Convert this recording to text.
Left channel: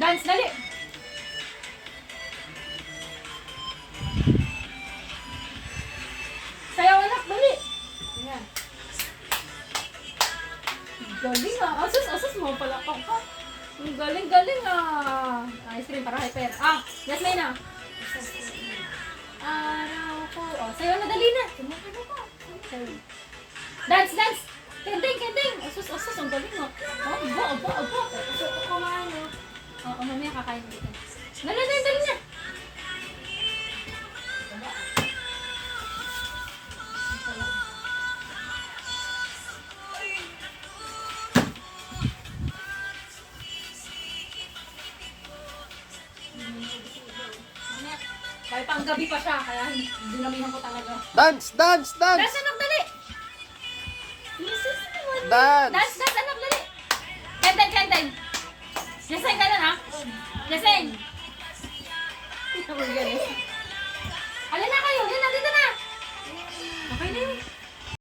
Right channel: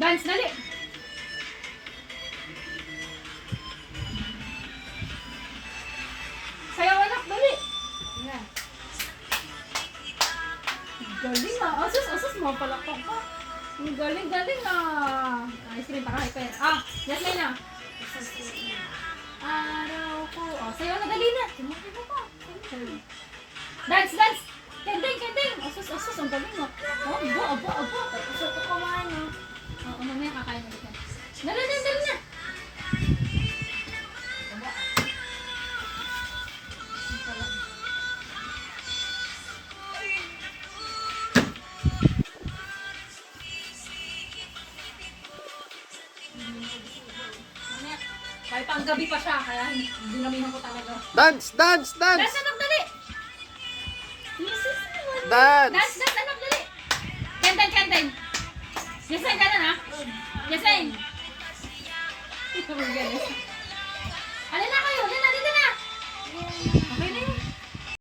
Dance, dali. Sayaw anak, dali. Yan. Galing ah. Asus, mo palakpak pa. Ang galing ah. Ice cream para hyper. Yasmin na. Araw ko. Sayaw na dali na. Sumukin mo pa. Dance. Kending. Asus, ang galing ah. Aba. Asus, ito kumain mo. Mamaya kakain mo dito. Dali na. Kahit pang gabi pa siya, kaya dinamihan ko talaga. Dance! Dance, anak, dali! Dance! Dance, anak, dali! Kenten! Yasain ka na na? Yasain! Alin na kayo? Yan na, dito na! Okay